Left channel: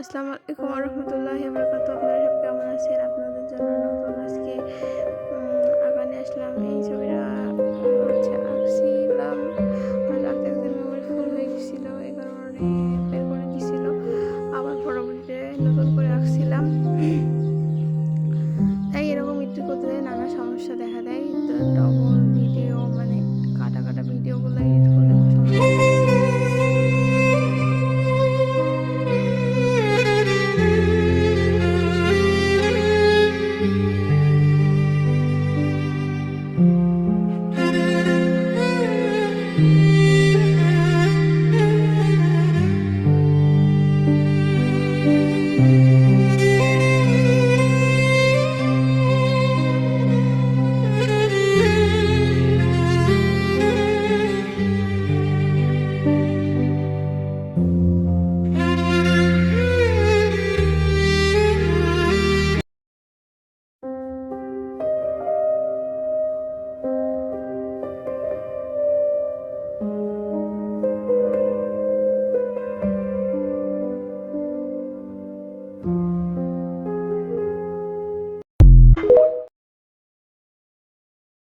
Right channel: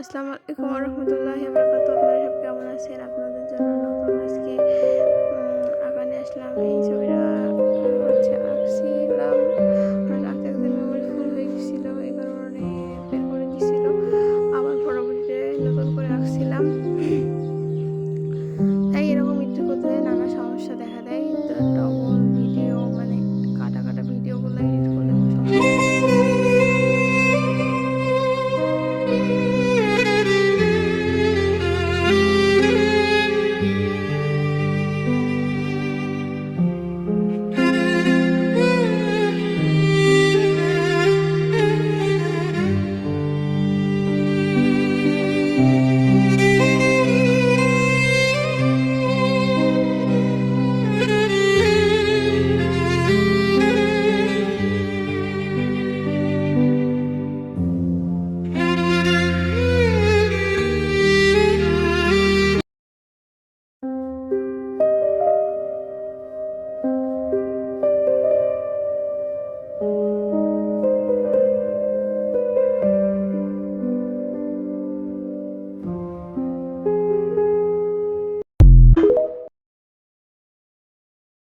আসসালামু আলাইকুম ওয়া রাহমাতুল্লাহি ওয়া বারাকাতুহু। আপনারা সব কেমন আছেন? আপনাদের জন্য নতুন আজকে আঁকা নিয়ে আসলাম। এই ছবিটা আঁকছিলাম, হঠাৎ আঁকতে আঁকতে মেমোরি ফুল হয়ে গেছিলো, এই কারণে বের করে দিছিল। আবার পরবর্তীতে নতুন করে আঁকছিলাম। তাই এরকম এডিট করতে নানা সমস্যা দেখা দেয়। তো ডবল ভিডিও মানে কাটা কাটা ভিডিওগুলো এডিট করলে সমস্যা।